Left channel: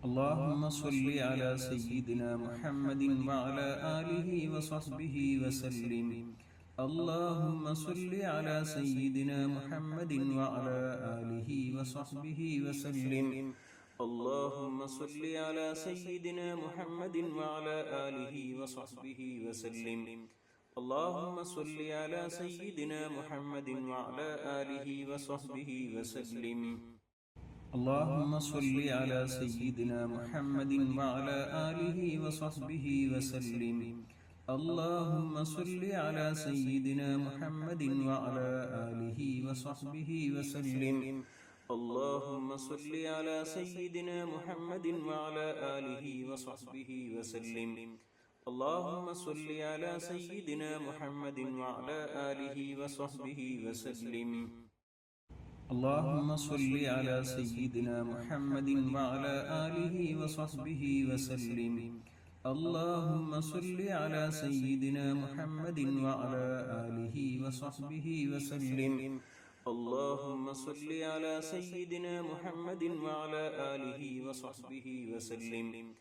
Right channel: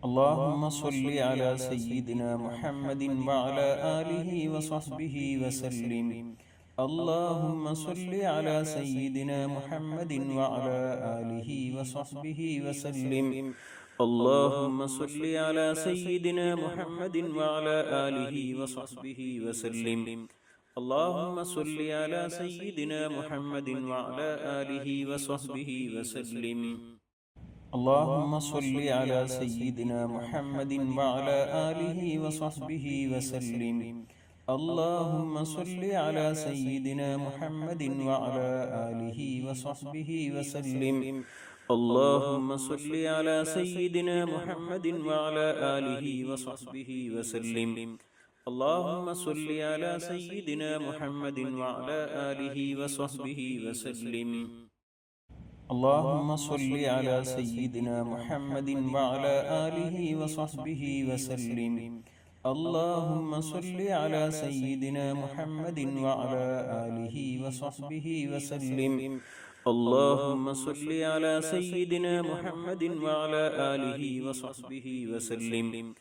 اللهم صل على سيدنا محمد وعلى آله وصحبه وسلم. اللهم صل على سيدنا محمد وعلى آله وصحبه وسلم. اللهم صل على سيدنا محمد وعلى آله وصحبه وسلم. اللهم صل على سيدنا محمد وعلى آله وصحبه وسلم. اللهم صل على سيدنا محمد وعلى آله وصحبه وسلم. اللهم صل على سيدنا محمد وعلى آله وصحبه وسلم. اللهم صل على سيدنا محمد وعلى آله وصحبه وسلم. اللهم صل على سيدنا محمد وعلى آله وصحبه وسلم. اللهم صل على سيدنا محمد وعلى آله وصحبه وسلم. اللهم صل على سيدنا محمد وعلى آله وصحبه وسلم. اللهم صل على سيدنا محمد وعلى آله وصحبه وسلم.